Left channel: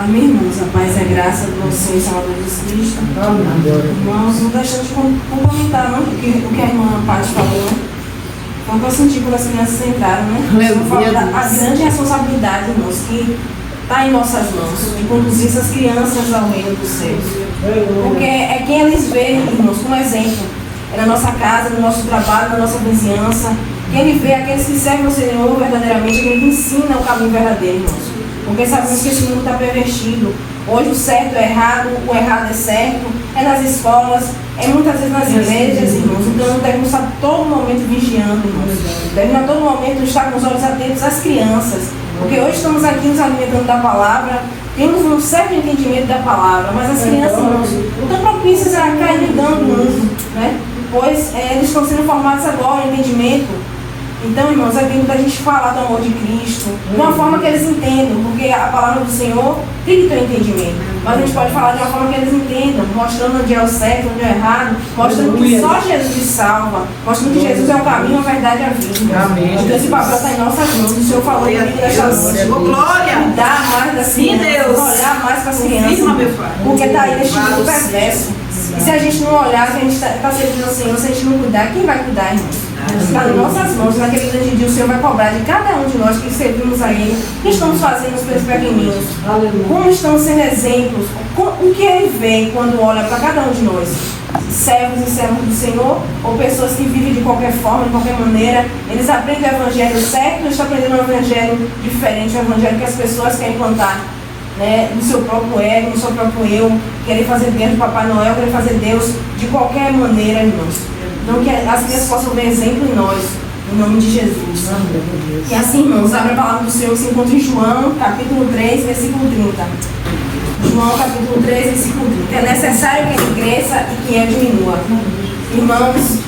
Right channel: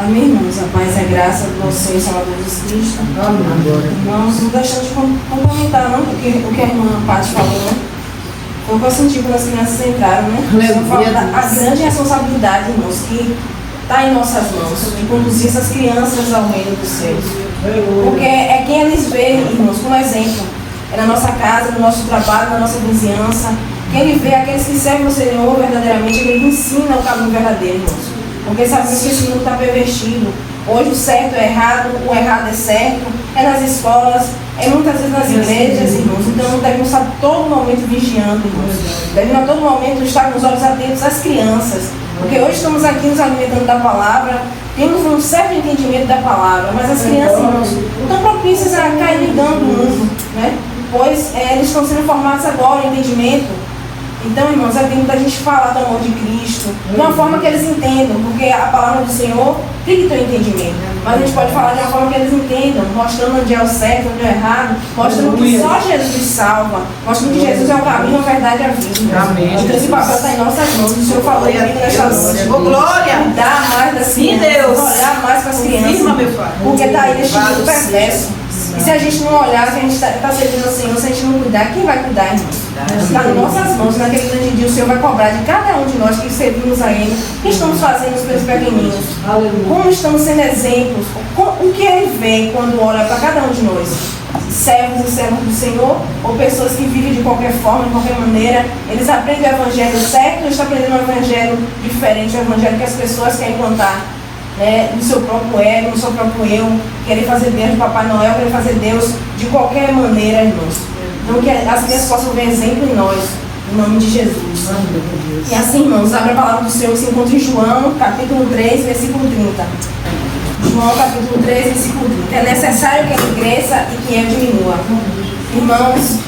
Amém, irmãos. A paz e a graça do nosso Senhor e Salvador Jesus Cristo. Irmãos, não deixando de complementar, não, porque o que a irmã Paty falou, né? Foi o que eu senti quando as crianças entraram, né? Eu falo da grande responsabilidade, irmãos, que está em nossas mãos, de conduzir essas crianças ao reino dos céus. Porque é quem eles veem, irmãos, como exemplo. É na nossa casa, no nosso trabalho, na nossa vizinhança. Quem vê aqueles que servem o Senhor verdadeiramente, ele ensina o caminho verdadeiro, irmãos. Porque sabemos que esse mundo está pervertido. Hoje o certo é errado, o errado é certo, é nas escolas, é muitas vezes nas igrejas, irmãos. Então devemos estar todo momento vigiando, irmãos. Devemos a todo momento estar com os olhos atentos às crianças. Porque hoje estamos aqui nos alimentando da palavra, temos um certo entendimento da palavra, mas as crianças, irmãos, não estão propícias a cair no dano do mundo, né? Pois eles estão sendo formados agora em entendimento. Então, irmãos, é tempo da gente falar do amor de Cristo de uma forma que eles entendam, porque a palavra do Senhor tem que ter um entendimento. Mas a gente pode falar de uma forma que eles entendam, mostrando onde é o certo, onde é o errado, mostrando que só Jesus salva, mostrando que Jesus é o caminho, a verdade e a vida. Então, esse papel está em nossas mãos. O Senhor falou aqui nesta noite. Glória! Cuidar mais das crianças, olhar mais para as crianças, porque está aí neste mundo perverso. E se a gente não olhar, se a gente está servindo ao Senhor, se a gente não cuidar, quem vai cuidar, irmãos? Está em nossas mãos. Naquele grande dia o Senhor vai cobrar de cada um de nós que servimos a Ele. O que estamos fazendo os pelos pequeninos? Como estamos sendo exemplos? O que Ele vê quando olha para cada um de nós? Servos e servos do Senhor, ou pessoas que vivem de qualquer forma, de qualquer maneira, eles aprendem o evangelho certo, ou estão aprendendo um evangelho diferente, o evangelho que as pessoas querem implantar, né, no seu próprio ego, no seu próprio eu, querem fazer Deus de Papai Noel, querem fazer Deus de qualquer maneira, irmãos. Então que as crianças possam ver exemplo em nós, em nome de Jesus. E assim, irmãos, abre a palavra do Senhor que se encontra em João, capítulo 3, versículo 30. João capítulo 3, versículo 30. É necessário que ele cresça e que ele diminua. Irmãos,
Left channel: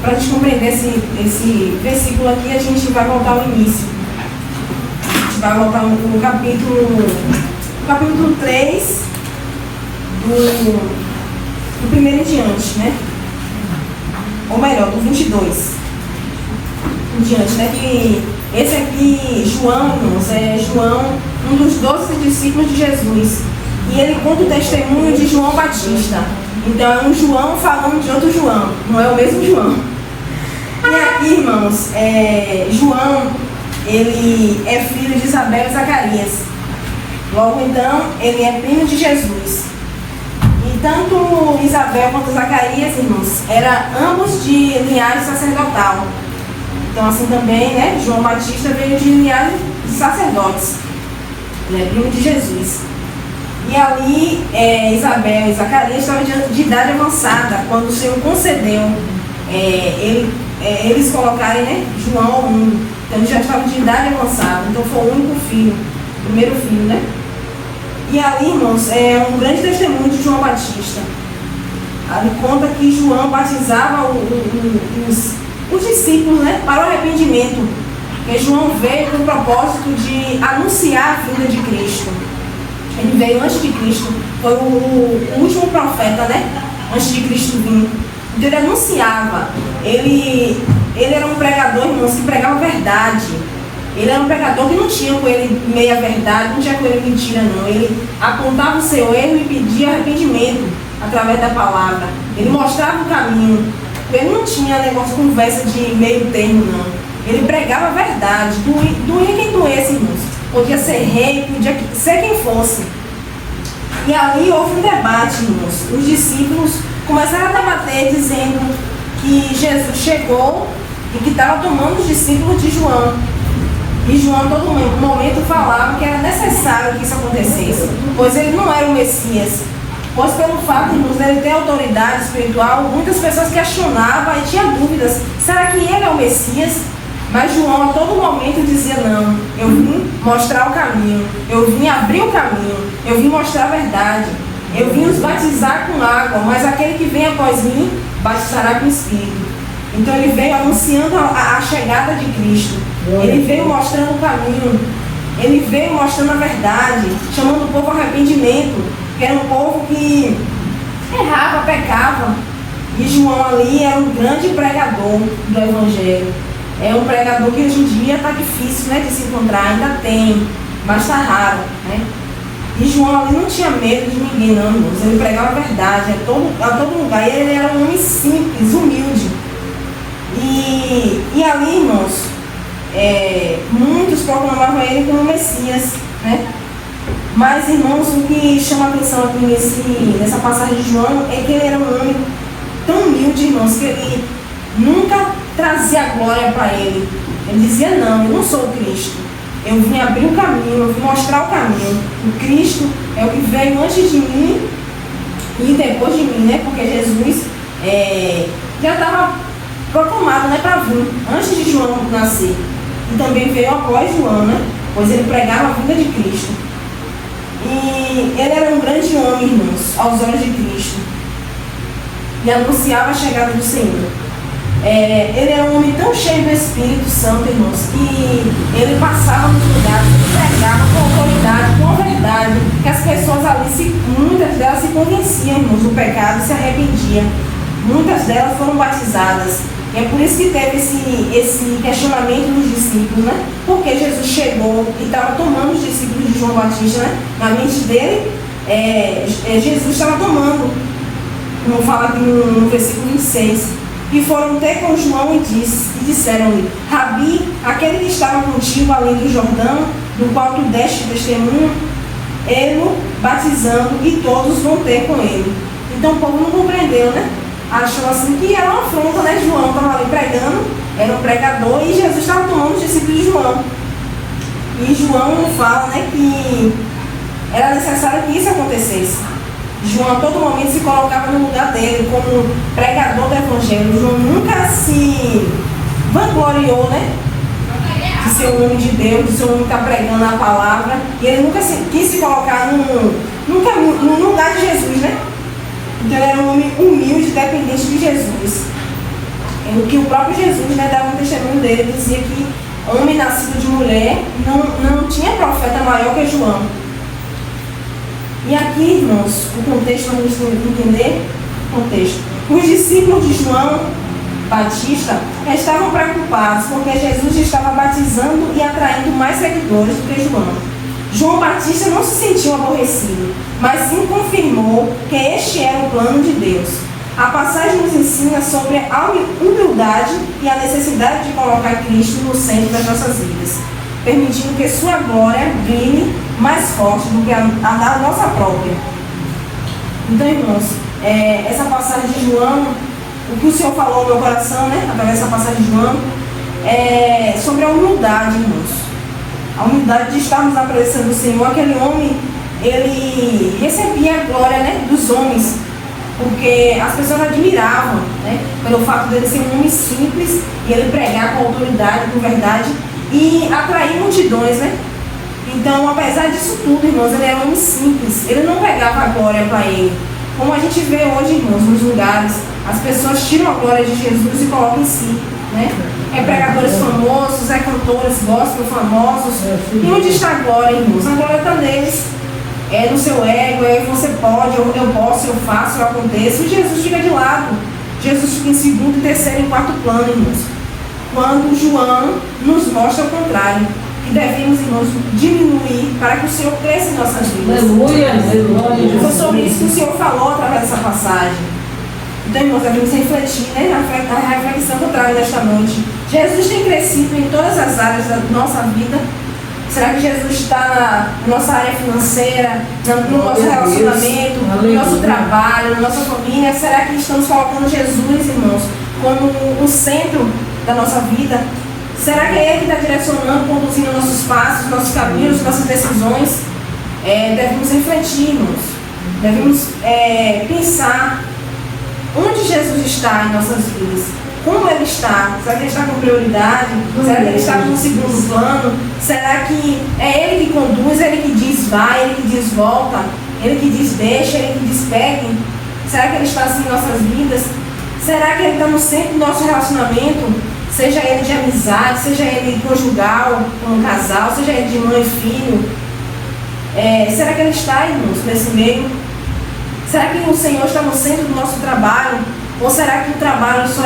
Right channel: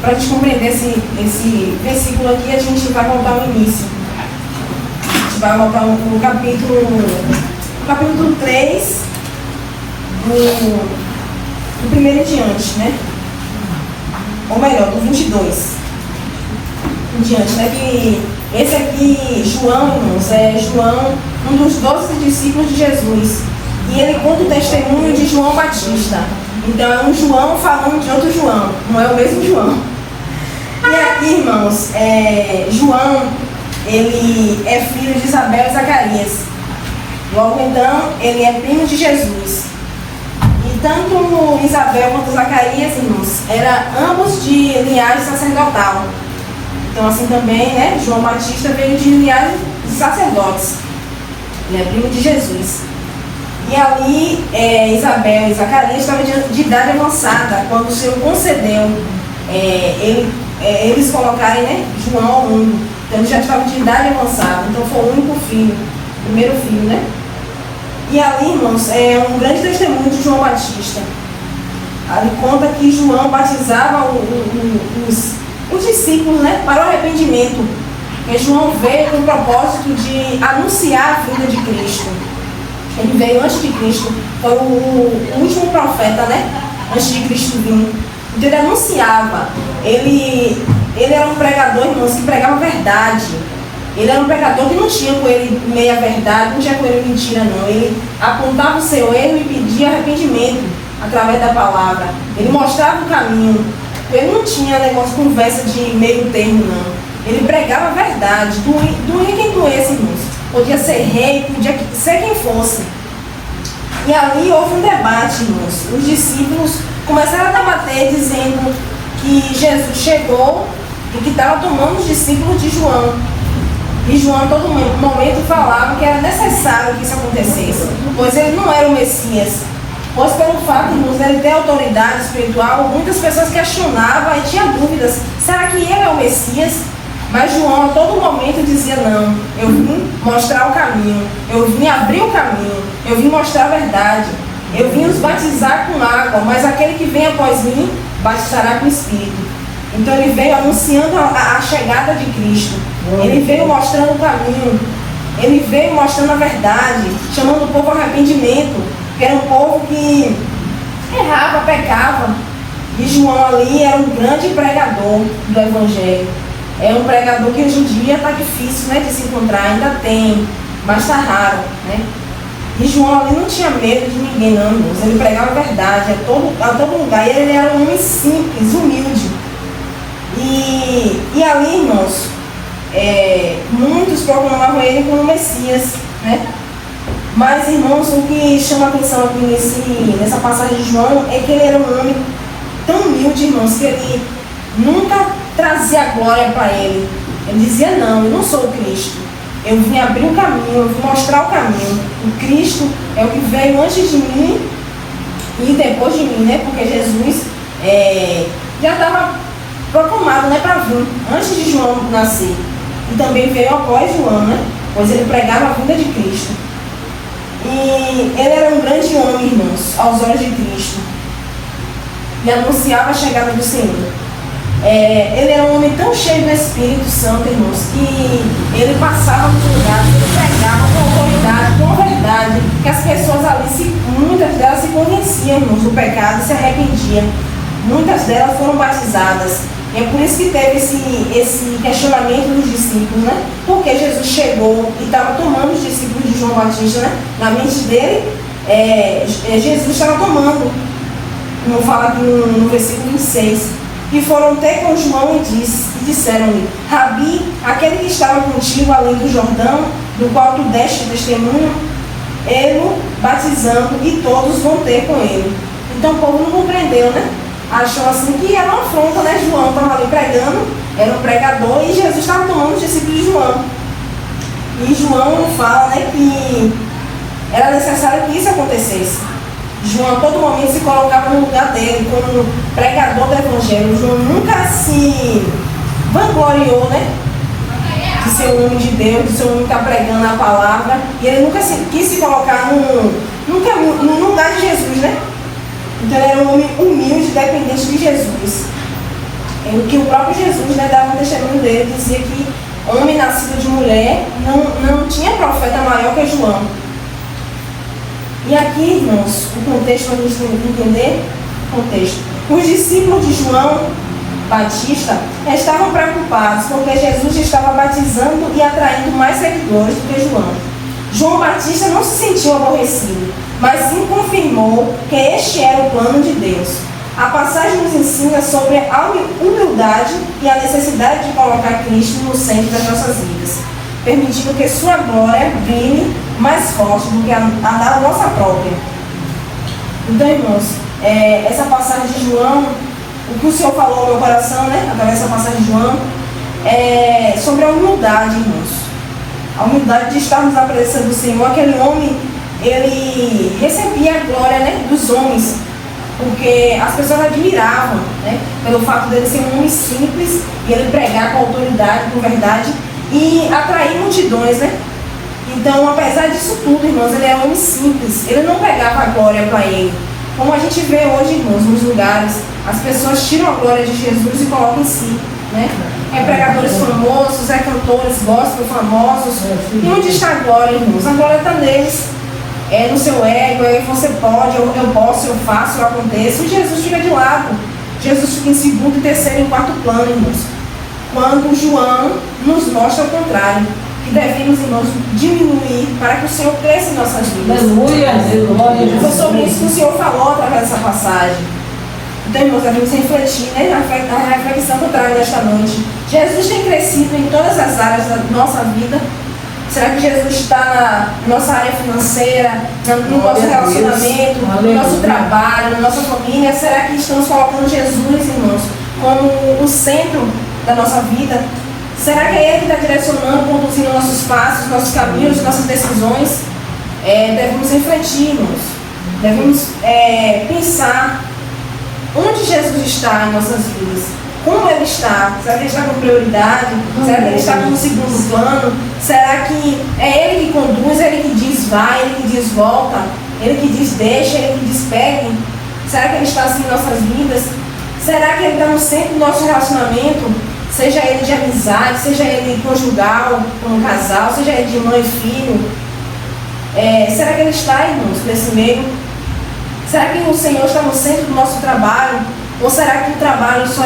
para a gente compreender esse versículo aqui, a gente vai voltar ao início. A gente vai voltar no capítulo 3, do primeiro em diante, né? Ou melhor, do 22 em diante, né? Que esse aqui, João, irmãos, é João, um dos 12 discípulos de Jesus. E ele conta o testemunho de João Batista. Então é um João falando de outro João, não é o mesmo João. E aqui, irmãos, João, ele é filho de Isabel e Zacarias. Logo então, ele é primo de Jesus. E tanto Isabel quanto Zacarias, irmãos, eram ambos de linhagem sacerdotal. Então assim também, né, João Batista veio de linhagem de sacerdotes. Ele é primo de Jesus. E ali, Isabel e Zacarias estavam de idade avançada, quando o Senhor concedeu eles colocarem, né, João ao mundo. Então eles já estavam de idade avançada, então foi o único filho, o primeiro filho, né? E ali, irmãos, é um grande testemunho de João Batista. Ali conta que João batizava os discípulos, né, para o arrependimento. Porque João veio com o propósito de anunciar a vinda de Cristo. Ele veio antes de Cristo, foi o último profeta, né? Antes de Cristo vir. Então ele anunciava. Ele era um pregador, irmãos, que pregava verdade. Ele era um pregador que não tinha com ele meia verdade, não tinha com ele mentira, não. Ele apontava o seu erro e pedia arrependimento através da palavra. Ele mostrava o caminho. Ele não tinha negócio de conversa de meio termo, não. Ele pregava a verdade. Doía quem doesse, irmãos. Podia ser rei, podia ser quem fosse. E ali houve um debate, irmãos. Os discípulos começaram a debater dizendo que Jesus chegou e que estava tomando os discípulos de João. E João a todo momento falava que era necessário que isso acontecesse, pois ele não era o Messias. Pois pelo fato de ele ter autoridade espiritual, muitas pessoas questionavam e tinham dúvidas. Será que ele é o Messias? Mas João a todo momento dizia, não, eu vim mostrar o caminho, eu vim abrir o caminho, eu vim mostrar a verdade, eu vim os batizar com água, mas aquele que vem após mim batizará com Espírito. Então ele veio anunciando a chegada de Cristo, ele veio mostrando o caminho, ele veio mostrando a verdade, chamando o povo ao arrependimento, que era um povo que errava, pecava. E João ali era um grande pregador do Evangelho. É um pregador que hoje em dia está difícil, né, de se encontrar, ainda tem, mas está raro, né? E João ali não tinha medo de ninguém, não, irmãos. Ele pregava a verdade a todo lugar. E ele era um homem simples, humilde. E ali, irmãos, muitos proclamavam ele como Messias, né? Mas, irmãos, o que chama a atenção aqui nessa passagem de João é que ele era um homem tão humilde, irmãos, que ele nunca trazia glória para ele. Ele dizia: não, eu não sou o Cristo. Eu vim abrir o caminho, eu vim mostrar o caminho. O Cristo é o que veio antes de mim e depois de mim, né? Porque Jesus já estava proclamado, né, para vir, antes de João nascer. E também veio após João, né? Pois ele pregava a vinda de Cristo. E ele era um grande homem, irmãos, aos olhos de Cristo. E anunciava a chegada do Senhor. Ele era um homem tão cheio do Espírito Santo, irmãos, que ele passava por lugares, ele pregava com autoridade, com verdade, que as pessoas ali, muitas delas se convenciam, irmãos, do pecado e se arrependiam. Muitas delas foram batizadas. E é por isso que teve esse questionamento dos discípulos, né? Porque Jesus chegou e estava tomando os discípulos de João Batista, né? Na mente dele, Jesus estava tomando. Vamos falar aqui no versículo 26. E foram ter com João e disseram-lhe: Rabi, aquele que estava contigo ali do Jordão, do qual tu deste testemunho, ele batizando, e todos vão ter com ele. Então o povo não compreendeu, né? Achou assim que era uma afronta, né? João estava ali pregando, era um pregador, e Jesus estava tomando os discípulos de João. E João fala, né, que era necessário que isso acontecesse. João a todo momento se colocava no lugar dele como pregador do Evangelho. João nunca se vangloriou, né, de ser um homem de Deus, de ser um homem que está pregando a palavra, e ele nunca quis se colocar no lugar de Jesus, né? Então ele era um homem humilde, dependente de Jesus. O que o próprio Jesus, né, dava um testemunho dele, dizia que homem nascido de mulher não tinha profeta maior que João. E aqui, irmãos, o contexto para a gente entender, os discípulos de João Batista estavam preocupados porque Jesus estava batizando e atraindo mais seguidores do que João. João Batista não se sentiu aborrecido, mas sim confirmou que este era o plano de Deus. A passagem nos ensina sobre a humildade e a necessidade de colocar Cristo no centro das nossas vidas, permitindo que sua glória brilhe mais forte do que a da nossa própria. Então, irmãos, essa passagem de João, o que o Senhor falou no meu coração, né, através dessa passagem de João, é sobre a humildade, irmãos. A humildade de estarmos na presença do Senhor. Aquele homem, ele recebia a glória, né, dos homens, porque as pessoas admiravam, né, pelo fato dele ser um homem simples e ele pregar com autoridade, com verdade e atrair multidões, né? Então, apesar disso tudo, irmãos, ele era um homem simples, ele não pegava a glória para ele. Como a gente vê hoje, irmãos, nos lugares, as pessoas tiram a glória de Jesus e colocam em si, né? Pregadores famosos, cantores gospel famosos. E onde está a glória, irmãos? A glória está neles, no seu ego, você pode, eu posso, eu faço, eu aconteço. E Jesus fica de lado. Jesus fica em segundo, terceiro e quarto plano, irmãos. Quando João nos mostra o contrário, que devemos, irmãos, diminuir para que o Senhor cresça em nossas vidas. Foi sobre isso que o Senhor falou através dessa passagem. Então, irmãos, devemos refletir, né, na reflexão que eu trago nesta noite. Jesus tem crescido em todas as áreas da nossa vida. Será que Jesus está na nossa área financeira, no nosso relacionamento, no nosso trabalho, na nossa família? Será que estamos colocando Jesus, irmãos, como o centro da nossa vida? Será que é Ele que está direcionando, conduzindo nossos passos, nossos caminhos, nossas decisões? Devemos refletir, irmãos. Devemos pensar onde Jesus está em nossas vidas. Como Ele está? Será que Ele está com prioridade? Será que Ele está com um segundo plano? Será que é Ele que conduz, Ele que diz vai, Ele que diz volta, Ele que diz deixa, Ele que diz pegue? Será que Ele está assim em nossas vidas? Será que Ele está no centro do nosso relacionamento? Seja ele de amizade, seja ele conjugal, com um casal, seja ele de mãe e filho. Será que Ele está, irmãos, nesse meio? Será que o Senhor está no centro do nosso trabalho? Ou será que o trabalho só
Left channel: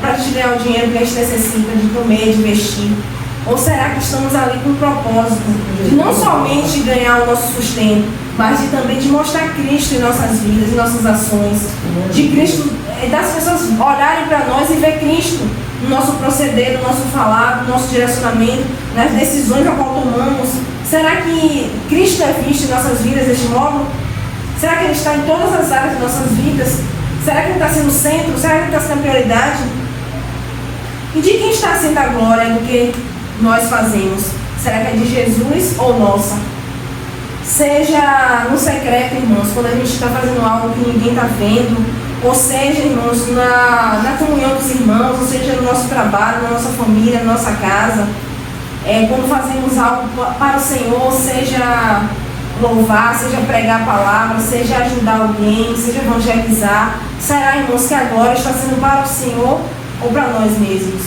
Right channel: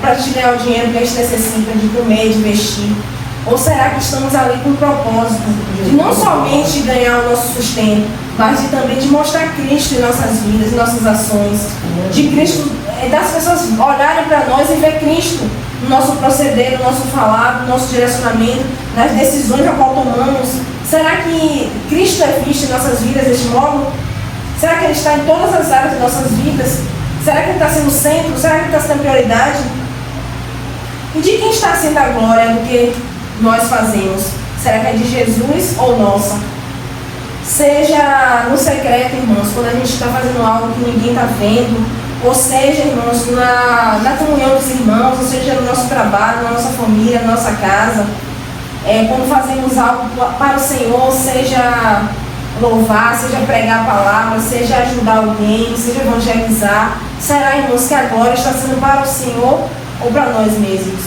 para a gente ganhar o dinheiro que a gente necessita de comer, de vestir? Ou será que estamos ali com o propósito de não somente ganhar o nosso sustento, mas de também de mostrar Cristo em nossas vidas, em nossas ações, de Cristo, das pessoas olharem para nós e ver Cristo no nosso proceder, no nosso falar, no nosso direcionamento, nas decisões a qual tomamos? Será que Cristo é visto em nossas vidas deste modo? Será que Ele está em todas as áreas de nossas vidas? Será que Ele está sendo centro? Será que Ele está sendo prioridade? E de quem está sendo a glória do que nós fazemos? Será que é de Jesus ou nossa? Seja no secreto, irmãos, quando a gente está fazendo algo que ninguém está vendo, ou seja, irmãos, na comunhão dos irmãos, ou seja, no nosso trabalho, na nossa família, na nossa casa, quando fazemos algo para o Senhor, seja louvar, seja pregar a palavra, seja ajudar alguém, seja evangelizar, será, irmãos, que a glória está sendo para o Senhor ou para nós mesmos?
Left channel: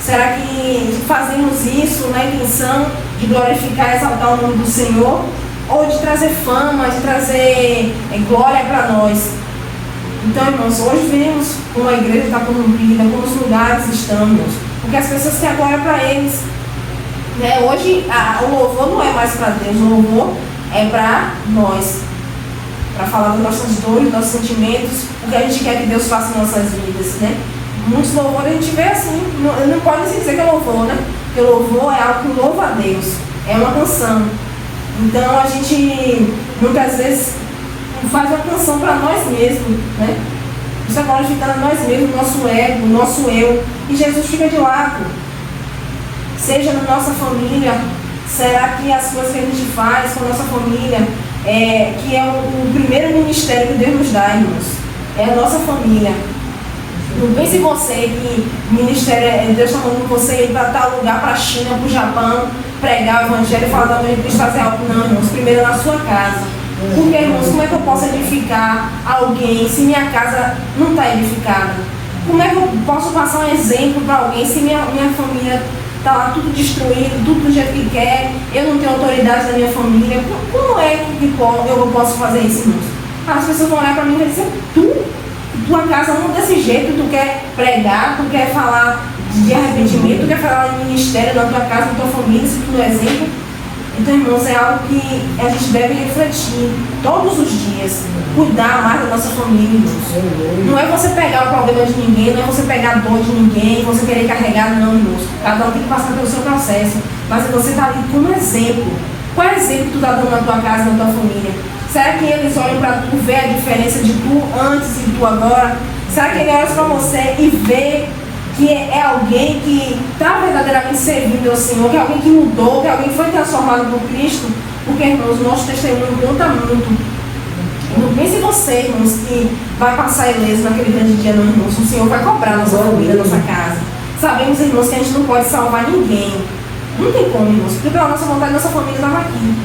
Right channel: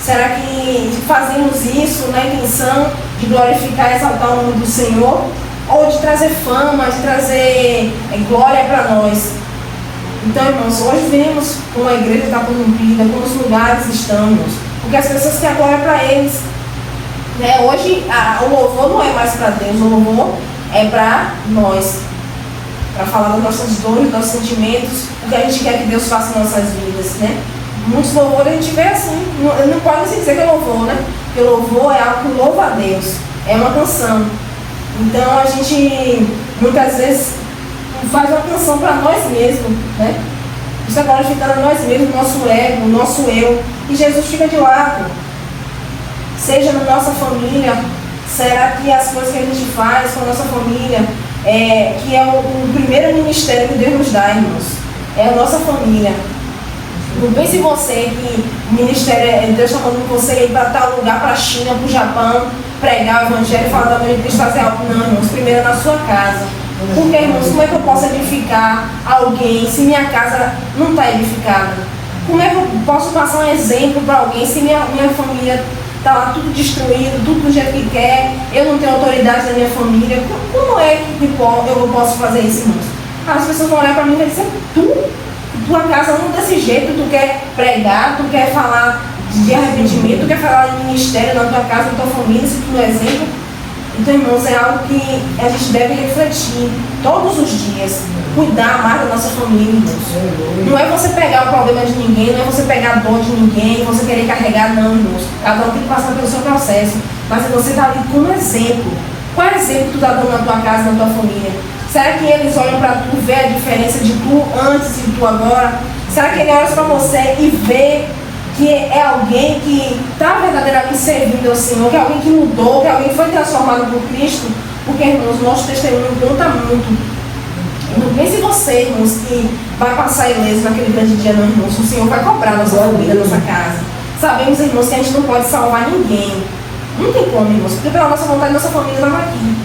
Será que fazemos isso na intenção de glorificar e exaltar o nome do Senhor, ou de trazer fama, de trazer glória para nós? Então, irmãos, hoje vemos como a igreja está corrompida, como os lugares estamos, porque as pessoas querem glória para eles. Hoje o louvor não é mais para Deus, o louvor é para nós, para falar das nossas dores, dos nossos sentimentos, o que a gente quer que Deus faça em nossas vidas, né? Muitos louvores a gente vê assim, não pode se dizer que é louvor, né? Porque o louvor é algo que louva a Deus, é uma canção. Então a gente muitas vezes faz uma canção para nós mesmos, né? Isso agora fica nós mesmos, nosso ego, nosso eu, e Jesus fica de lado. Seja na nossa família, será que as coisas que a gente faz com a nossa família, que é o primeiro ministério que Deus nos dá, irmãos, é a nossa família. Não pense você que o ministério, Deus está falando com você para estar no lugar, para a China, para o Japão, pregar o evangelho e falar da glória de Cristo, fazer algo. Não, irmãos, primeiro na sua casa. Porque, irmãos, como é que eu posso edificar alguém se minha casa não está edificada? Como é que eu posso passar um exemplo para alguém se minha família está lá tudo destruído, tudo do jeito que quer, eu não tenho autoridade da minha família? Como é que eu posso fazer isso, irmãos? As pessoas vão olhar para mim e vão dizer: tua casa não desse jeito, tu quer pregar, tu quer falar de arrependimento, tu quer falar de ministério na tua casa, na tua família, se tu não é exemplo. Então, irmãos, é algo que a gente deve refletir todos os dias, cuidar mais da nossa família, irmãos. Não é você pegar o problema de ninguém, não é você pegar a dor de ninguém, você querer carregar, não, irmãos. Cada um tem que passar pelo seu processo, mas você está ali como exemplo. Qual exemplo tu está dando na tua casa, na tua família? Será que eles olham para tu, ver a diferença de tu antes e tu agora? Será que ele olha para você e vê que é alguém que está verdadeiramente servindo ao Senhor, que é alguém que mudou, que é alguém que foi transformado por Cristo? Porque, irmãos, nosso testemunho conta muito. Não pense você, irmãos, que vai passar ileso naquele grande dia, não, irmãos. O Senhor vai cobrar nossa família, nossa casa. Sabemos, irmãos, que a gente não pode salvar ninguém. Não tem como, irmãos, porque pela nossa vontade, nossa família estava aqui.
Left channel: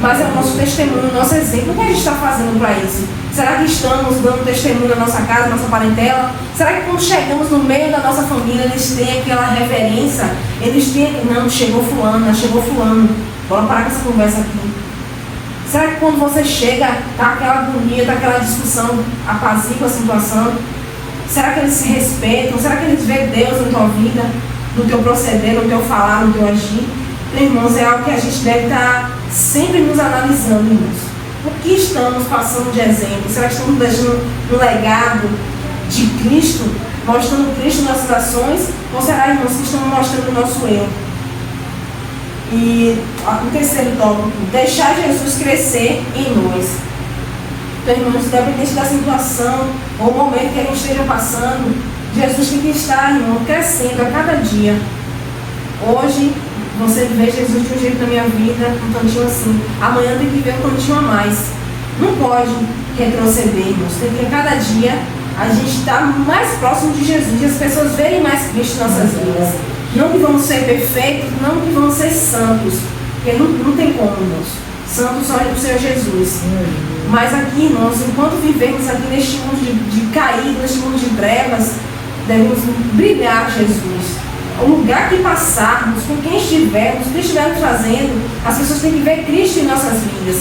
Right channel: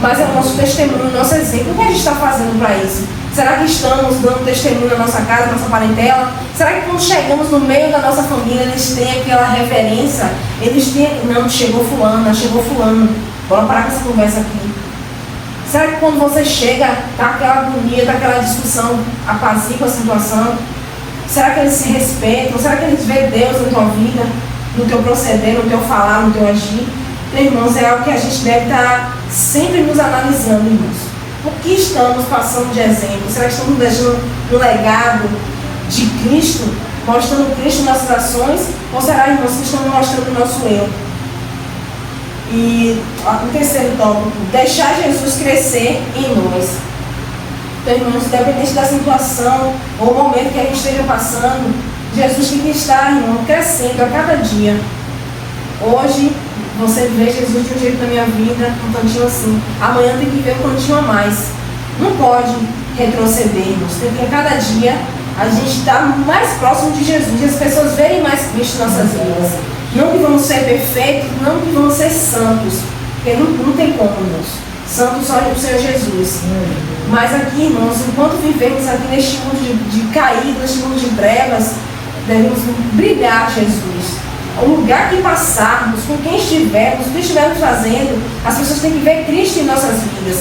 Mas é o nosso testemunho, o nosso exemplo. O que a gente está fazendo para isso? Será que estamos dando testemunho na nossa casa, na nossa parentela? Será que quando chegamos no meio da nossa família, eles têm aquela reverência? Eles têm, não, chegou fulano, chegou fulano. Bora parar com essa conversa aqui. Será que quando você chega, tá aquela agonia, tá aquela discussão, apazigua a situação? Será que eles se respeitam? Será que eles veem Deus na tua vida, no teu proceder, no teu falar, no teu agir? Então, irmãos, é algo que a gente deve estar sempre nos analisando, irmãos. O que estamos passando de exemplo? Será que estamos deixando um legado de Cristo, mostrando Cristo nas nossas ações? Ou será, irmãos, que estamos mostrando o nosso eu? E o terceiro tópico: deixar Jesus crescer em nós. Então, irmãos, independente da situação ou momento que a gente esteja passando, Jesus tem que estar, irmão, crescendo a cada dia. Hoje você vê Jesus de um jeito na minha vida, um cantinho assim. Amanhã tem que ver um cantinho a mais. Não pode retroceder, irmãos. Tem que, a cada dia, a gente estar mais próximo de Jesus, e as pessoas verem mais Cristo em nossas vidas. Não que vamos ser perfeitos, não que vamos ser santos, porque não tem como, irmãos. Santos só é o Senhor Jesus. Mas aqui, irmãos, enquanto vivemos aqui neste mundo de caído, neste mundo de trevas, devemos brilhar Jesus. o lugar que passarmos, com quem estivermos, o que estivermos fazendo, as pessoas têm que ver Cristo em nossas vidas.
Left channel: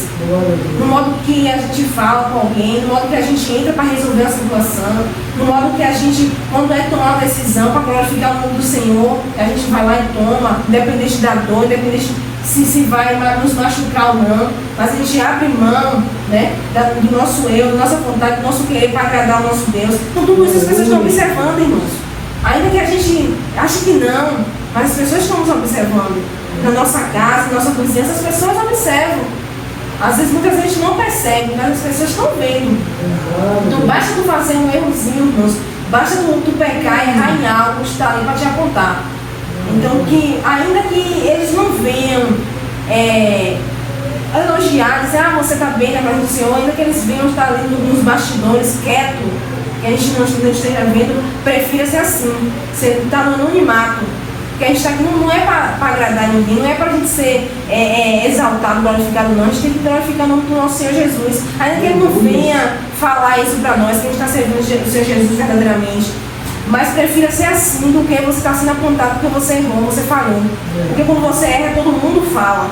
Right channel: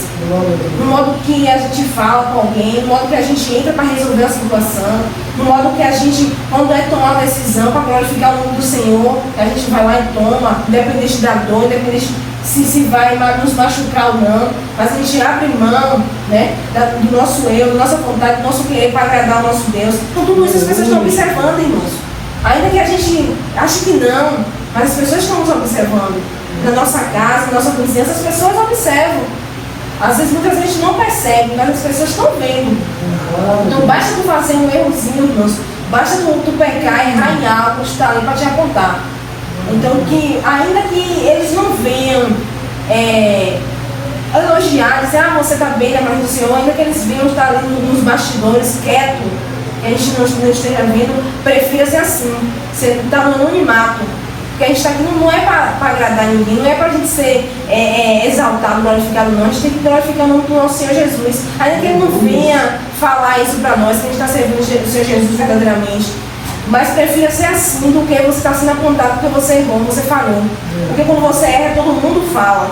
No modo que a gente fala com alguém, no modo que a gente entra para resolver a situação, no modo que a gente, quando é tomar uma decisão para glorificar o nome do Senhor, a gente vai lá e toma, independente da dor, independente se vai nos machucar ou não, mas a gente abre mão, né, do nosso eu, da nossa vontade, do nosso querer para agradar o nosso Deus. Então tudo isso as pessoas estão observando, irmãos. Ainda que a gente ache que não, mas as pessoas estão nos observando. Na nossa casa, na nossa vizinhança, as pessoas observam. Às vezes muitas vezes a gente não percebe, mas as pessoas estão vendo. Não basta tu fazer um errozinho, irmãos. Basta tu pecar e errar em algo, está ali para te apontar. Então, que ainda que eles não venham elogiar, dizer, você está bem na mão do Senhor, ainda que eles venham estar ali nos bastidores, quieto, que a gente não esteja vendo, prefira ser assim, você está no anonimato. Porque a gente está aqui não é para agradar ninguém, não é para a gente ser exaltado, glorificado, não. A gente tem que glorificar o nome do nosso Senhor Jesus. Ainda que Ele não venha falar isso para nós, que a gente está servindo o Senhor Jesus verdadeiramente. Mas prefira ser assim do que você está sendo apontado porque você errou, você falou. Porque quando você erra, todo mundo fala.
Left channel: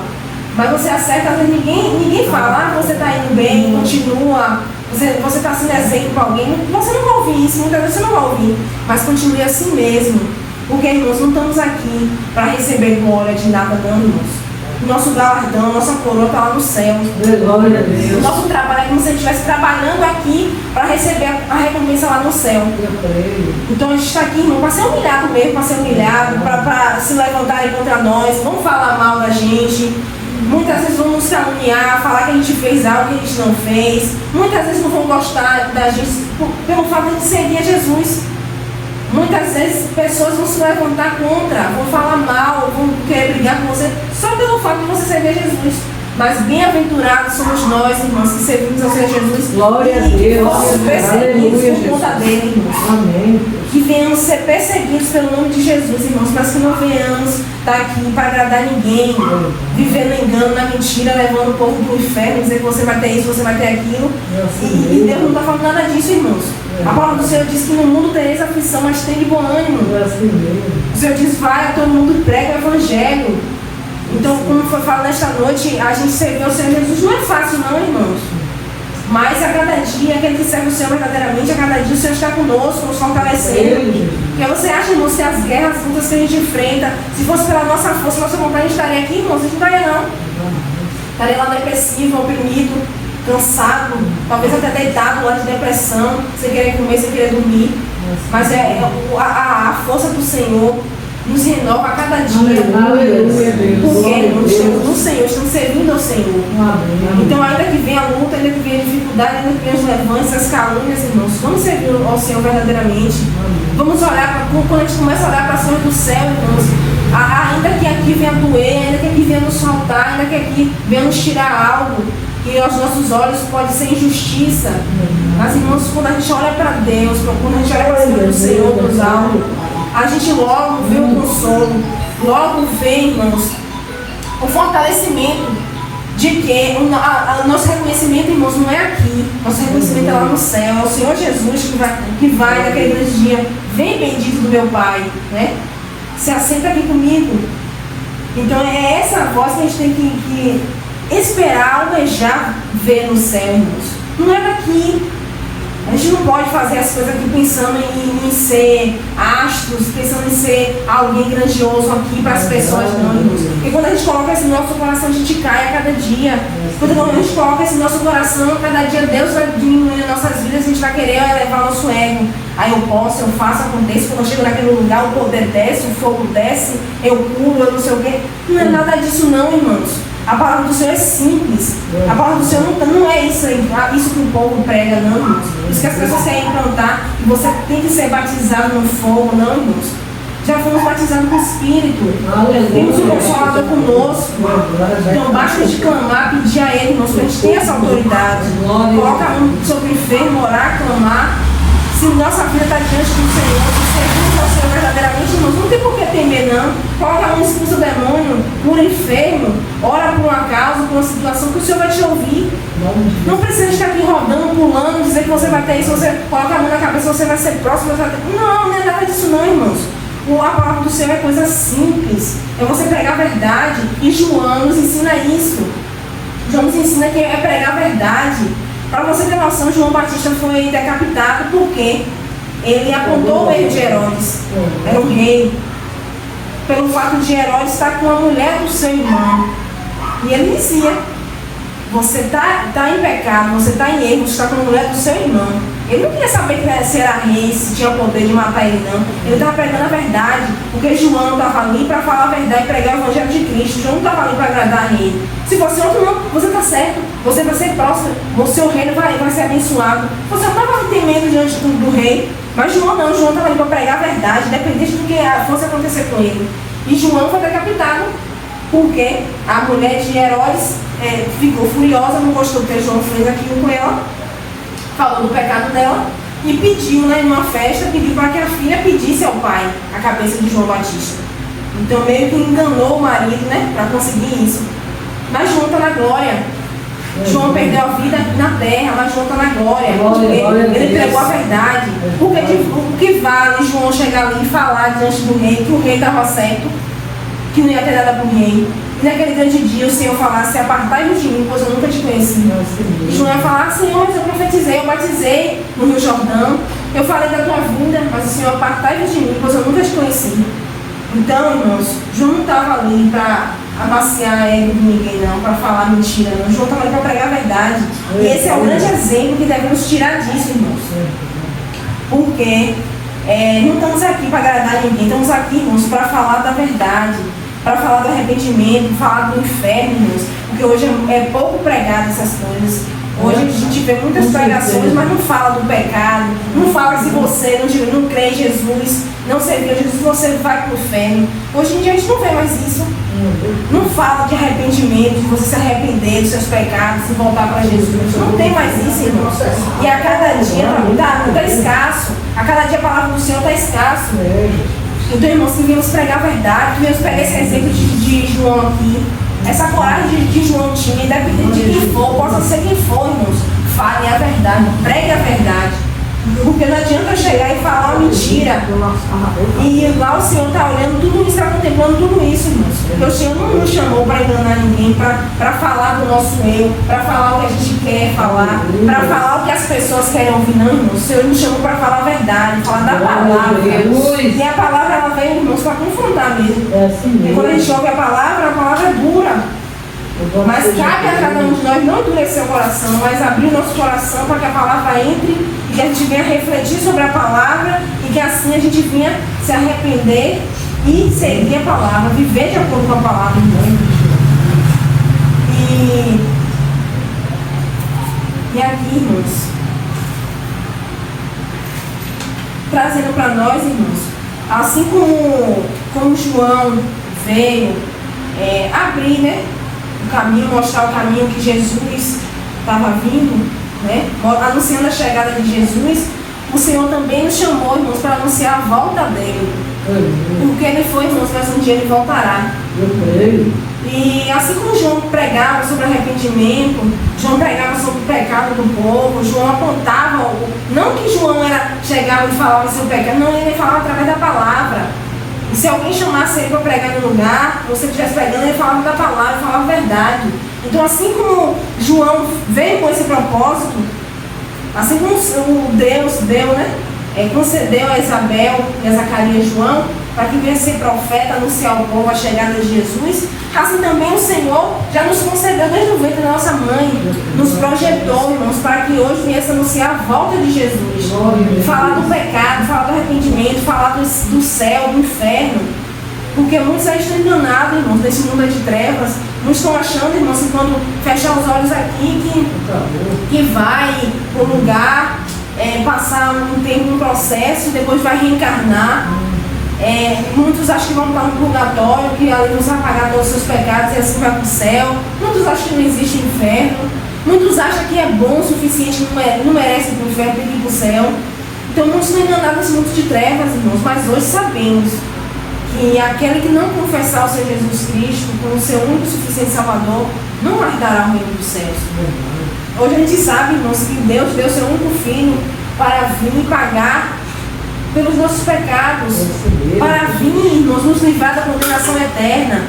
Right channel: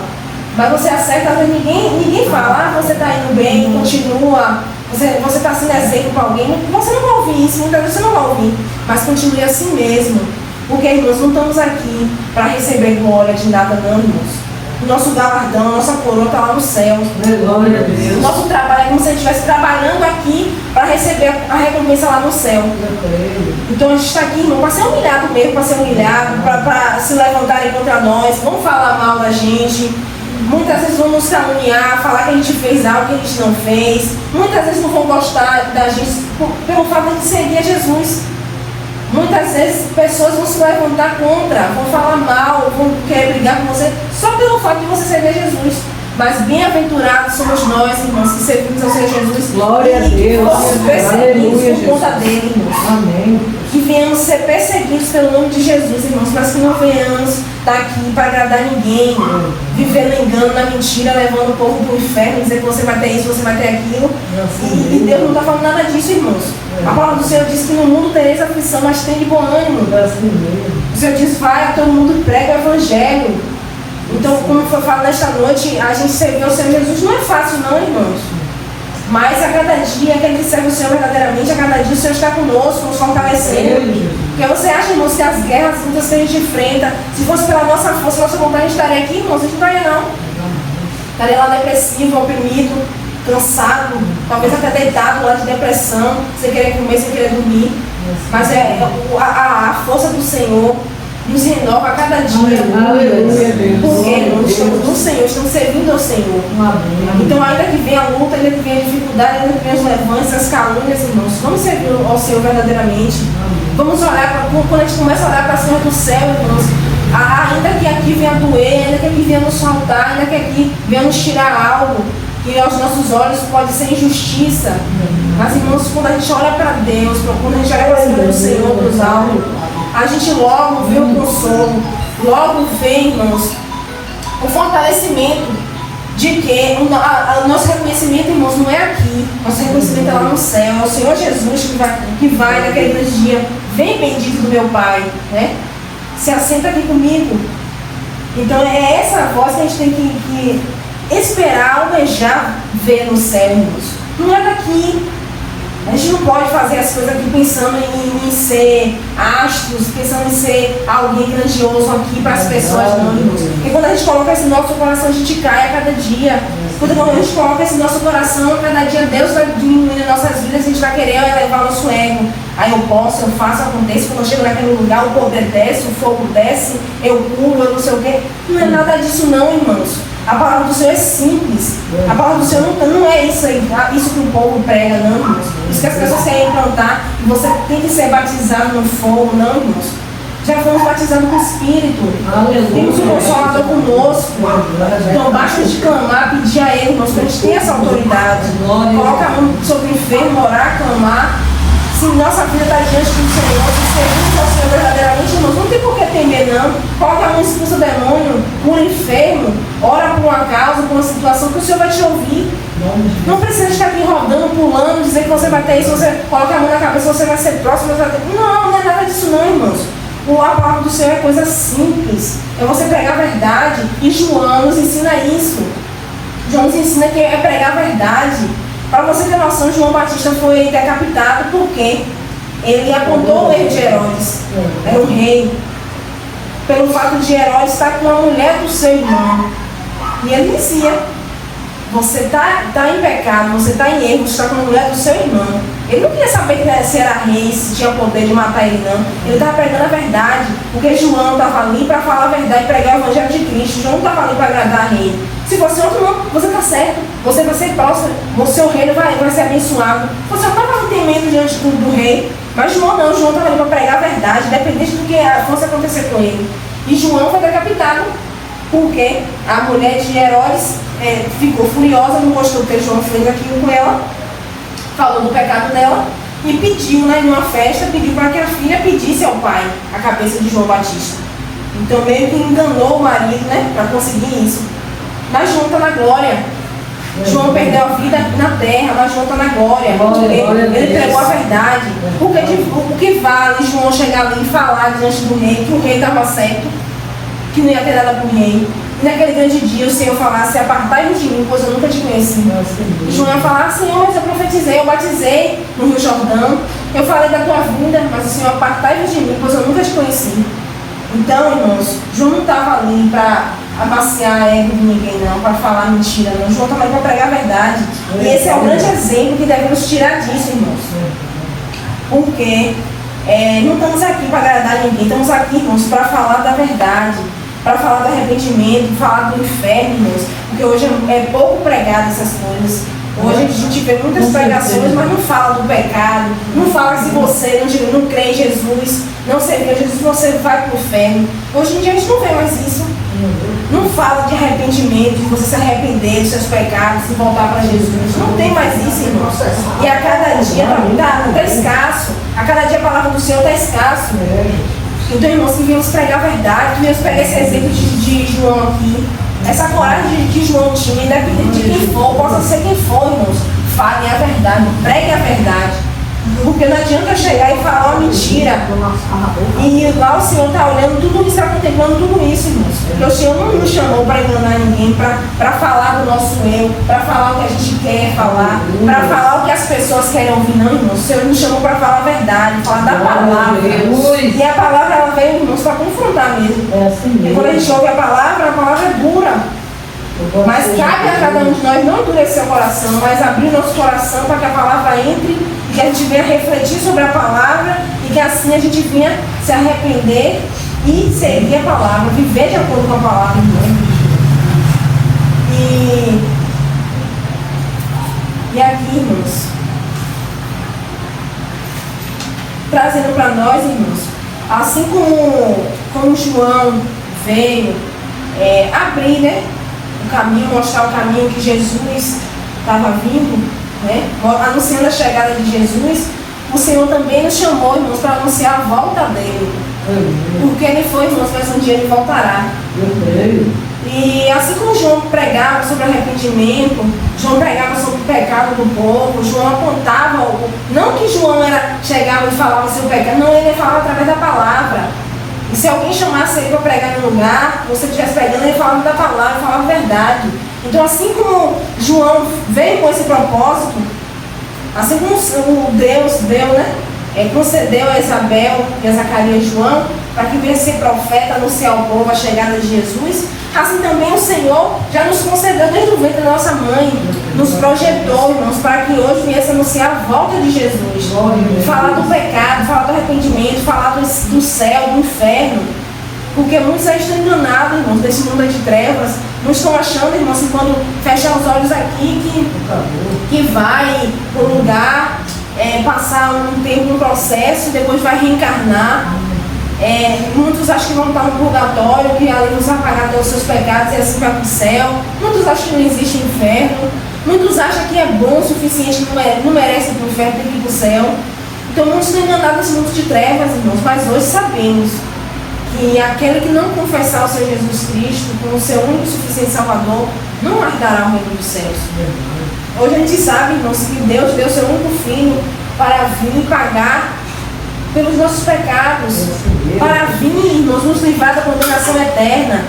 Mas você acerta, às vezes ninguém fala, você está indo bem, continua, você está sendo exemplo para alguém. Você não vai ouvir isso, muitas vezes você não vai ouvir. Mas continue assim mesmo. Porque, irmãos, não estamos aqui para receber glória de nada, não, irmãos. O nosso galardão, a nossa coroa está lá no céu. O nosso trabalho é como se a gente estivesse trabalhando aqui para receber a recompensa lá no céu. Então a gente está aqui, irmão, para ser humilhado mesmo, para ser humilhado, para se levantarem contra nós, vão falar mal da gente. Muitas vezes vão nos caluniar, falar que a gente fez algo que a gente não fez. Muitas vezes não vão gostar da gente pelo fato de servir a Jesus. Muitas vezes pessoas vão se levantar contra, vão falar mal, vão querer brigar com você só pelo fato de você servir a Jesus. Mas bem-aventurados somos nós, irmãos, que servimos ao Senhor Jesus. Glória a Deus. Que fossemos perseguidos por conta dele, irmãos. Amém. Que venhamos ser perseguidos pelo nome de Jesus, irmãos, mas que não venhamos estar aqui para agradar ninguém, vivendo engano, na mentira, levando o povo para o inferno, dizer que você vai ter isso, você vai ter aquilo. E Deus não está falando nada disso, irmãos. A palavra do Senhor diz que no mundo tereis aflição, mas tem de bom ânimo. O Senhor diz, vai, todo mundo prega o Evangelho. Então, como foi falado nesta noite, a gente servir o Senhor Jesus não é fácil não, irmãos. Mas a cada dia, aquele que serve o Senhor verdadeiramente, a cada dia o Senhor está conosco, nos fortalecendo. Porque você acha, irmãos, que as guerras, as lutas que a gente enfrenta, se fosse pela nossa força, nossa vontade, a gente estaria aqui, irmãos, a gente não estaria não. Estaria lá depressivo, oprimido, cansado, talvez até deitado lá de depressão, sem querer comer, sem querer dormir. Mas a força do Senhor nos renova a cada dia. Porque nós estamos no Senhor, estamos servindo ao Senhor. Então, ainda que venha a luta, ainda que venha a dificuldade, ainda que venha as levantes, as calúnias, irmãos, vamos servir ao Senhor verdadeiramente. Vamos orar, quando a gente começa a orar para cima do céu, irmãos, ainda que aqui venha doer, ainda que aqui venha nos faltar, ainda que aqui venha nos tirar algo, que aos nossos olhos pode ser injustiça. Mas, irmãos, quando a gente olha para Deus, quando a gente olha para cima do Senhor, dos alvos, a gente logo vê o consolo, logo vê, irmãos, o fortalecimento de que o nosso reconhecimento, irmãos, não é aqui, nosso reconhecimento é lá no céu, é o Senhor Jesus que vai naquele dia, vem bendito do meu Pai, né? Se assenta aqui comigo. Então é essa voz que a gente tem que esperar, almejar, ver no céu, irmãos. Não é daqui. A gente não pode fazer as coisas aqui pensando em ser astros, pensando em ser alguém grandioso aqui para as pessoas, não, irmãos. Porque quando a gente coloca esse nosso coração, a gente cai a cada dia. Quando a gente coloca esse nosso coração, a cada dia Deus vai diminuindo as nossas vidas, a gente vai querer elevar o nosso ego. Aí eu posso, eu faço, acontece, quando eu chego naquele lugar, o poder desce, o fogo desce, eu pulo, eu não sei o quê. Não é nada disso não, irmãos. A palavra do Senhor é simples. A palavra do Senhor não é isso aí, isso que o povo prega, não, irmãos. Isso que as pessoas querem cantar, que você tem que ser batizado no fogo, não, irmãos. Já fomos batizados no Espírito. Temos o Consolador conosco. Então basta de clamar, pedir a Ele, irmãos, que a gente tem essa autoridade. Coloca a mão sobre o enfermo, orar, clamar. Se nossa vida está diante do Senhor, se servimos ao Senhor verdadeiramente, irmãos, não tem por que temer, não. Coloca a mão, expulsa o demônio, cura o enfermo, ora por uma causa, por uma situação, que o Senhor vai te ouvir. Não precisa estar aqui rodando, pulando, dizer que você vai ter isso, você coloca a mão na cabeça, você vai ser próximo. Não é nada disso não, irmãos. A palavra do Senhor é coisa simples. É você pregar a verdade. E João nos ensina isso. João nos ensina que é pregar a verdade. Para você ter noção, João Batista foi decapitado porque ele apontou o erro de Herodes. Era um rei. Pelo fato de Herodes estar com a mulher do seu irmão. E ele dizia: você está em pecado, você está em erro, você está com a mulher do seu irmão. Ele não queria saber se era rei, se tinha poder de matar ele, não. Ele estava pregando a verdade, porque João estava ali para falar a verdade e pregar o evangelho de Cristo. João não estava ali para agradar rei. Se você não, você está certo, você vai ser próspero, o seu reino vai ser abençoado. Você não estava tendo medo diante do rei, mas João não. João estava ali para pregar a verdade, independente do que fosse acontecer com ele. E João foi decapitado porque a mulher de Herodes ficou furiosa, não gostou do que João fez aquilo com ela, falou do pecado dela e pediu, né, numa festa, pediu para que a filha pedisse ao pai a cabeça de João Batista. Então meio que enganou o marido, né, para conseguir isso. Mas João está na glória. João perdeu a vida na terra, mas João está na glória. Ele pregou a verdade. Porque o que vale João chegar ali e falar diante do rei que o rei estava certo, que não ia ter nada por rei. E naquele grande dia o Senhor falasse: apartai-vos de mim, pois eu nunca te conheci. E João ia falar: Senhor, mas eu profetizei, eu batizei no Rio Jordão, eu falei da tua vinda, mas o Senhor, apartai-vos de mim, pois eu nunca te conheci. Então, irmãos, João não estava ali para amaciar a ego de ninguém, não, para falar mentira, não. João estava ali para pregar a verdade. E esse é o grande exemplo que devemos tirar disso, irmãos. Porque não estamos aqui para agradar ninguém, estamos aqui, irmãos, para falar da verdade, para falar do arrependimento, falar do inferno, irmãos, porque hoje é pouco pregado essas coisas. Hoje a gente vê muitas pregações, mas não fala do pecado, não fala se você não crê em Jesus, não serviu a Jesus, você vai para o inferno. Hoje em dia a gente não vê mais isso. Não fala de arrependimento, de você se arrepender dos seus pecados e voltar para Jesus. Não tem mais isso, irmãos. E a cada dia está escasso. A cada dia a palavra do Senhor está escasso. Então, irmãos, que viemos pregar a verdade, viemos pegar esse exemplo de João aqui, essa coragem que João tinha, independente de quem for, possa ser quem for, irmãos, falem a verdade, preguem a verdade. Porque não adianta eu chegar e falar uma mentira. E lá o Senhor está olhando tudo isso, está contemplando tudo isso, irmãos. Porque o Senhor não nos chamou para enganar ninguém, para falar do nosso eu, para falar o que a gente quer falar, para falar o que as pessoas querem ouvir, não, irmãos. O Senhor nos chamou para falar a verdade, falar da palavra. E a palavra, ela veio, irmãos, para confrontar mesmo. E quando a gente ouve a palavra é dura. Mas cabe a cada um de nós não endurecer o coração, mas abrir o nosso coração para que a palavra entre e que a gente venha refletir sobre a palavra e que assim a gente venha se arrepender e seguir a palavra, viver de acordo com a palavra. E aqui, irmãos, trazendo para nós, irmãos, assim como João veio abrir, né, o caminho, mostrar o caminho que Jesus estava vindo, né? Anunciando a chegada de Jesus, o Senhor também nos chamou, irmãos, para anunciar a volta dele. Porque ele foi, irmãos, mas um dia ele voltará. E assim como João pregava sobre arrependimento, João pregava sobre o pecado do povo, João apontava, não que João chegava e falava sobre o pecado, não, ele falava através da palavra. E se alguém chamasse ele para pregar no lugar, você estivesse pregando, ele falava da palavra, falava a verdade. Então, assim como João veio com esse propósito, assim como o Deus deu, né, concedeu a Isabel e a Zacarias e João, para que viesse ser profeta, anunciar ao povo a chegada de Jesus, assim também o Senhor já nos concedeu desde o ventre da nossa mãe, nos projetou, irmãos, para que hoje viesse anunciar a volta de Jesus, falar do pecado, falar do arrependimento, falar do céu, do inferno, porque muitos aí estão enganados, irmãos, desse mundo de trevas, não estão achando, irmãos, que quando fechar os olhos aqui, que vai para o lugar, passar um tempo, um processo, depois vai reencarnar. Muitos acham que vão estar no purgatório, que ali nos vai pagar todos os seus pecados e assim vai para o céu. Muitos acham que não existe inferno. Muitos acham que é bom o suficiente, que não merece ir para o inferno, tem que ir para o céu. Então muitos estão enganados nesse mundo de trevas, irmãos, mas hoje sabemos que aquele que não confessar o Senhor Jesus Cristo como o seu único e suficiente Salvador, não herdará o reino dos céus. Hoje a gente sabe, irmãos, que Deus deu o seu único filho para vir e pagar pelos nossos pecados, para vir, nos livrar da condenação eterna.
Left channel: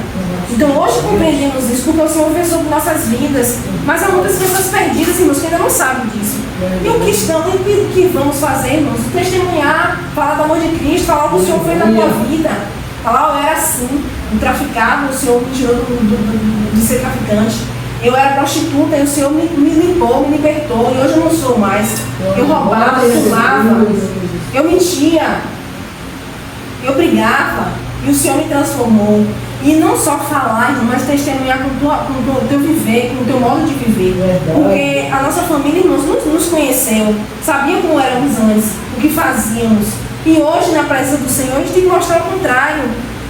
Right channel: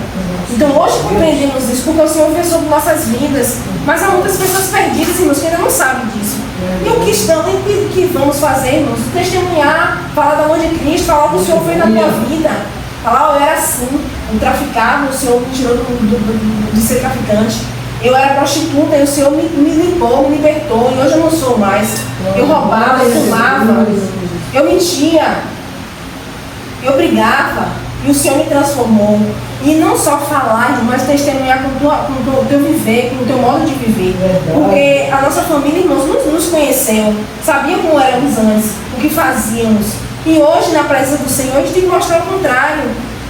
Então hoje compreendemos isso, porque o Senhor fez sobre nossas vidas. Mas há muitas pessoas perdidas, irmãos, que ainda não sabem disso. E o que estão, e o que vamos fazer, irmãos? Testemunhar, falar do amor de Cristo, falar o que o Senhor fez na tua vida. Falar, eu era assim, um traficado, o Senhor me tirou de ser traficante. Eu era prostituta e o Senhor me limpou, me libertou. E hoje eu não sou mais. Eu roubava, eu fumava, eu mentia, eu brigava. E o Senhor me transformou. E não só falar, mas testemunhar com o teu viver, com o teu modo de viver. Porque a nossa família, irmãos, nos conheceu, sabia como éramos antes, o que fazíamos. E hoje, na presença do Senhor, a gente tem que mostrar o contrário.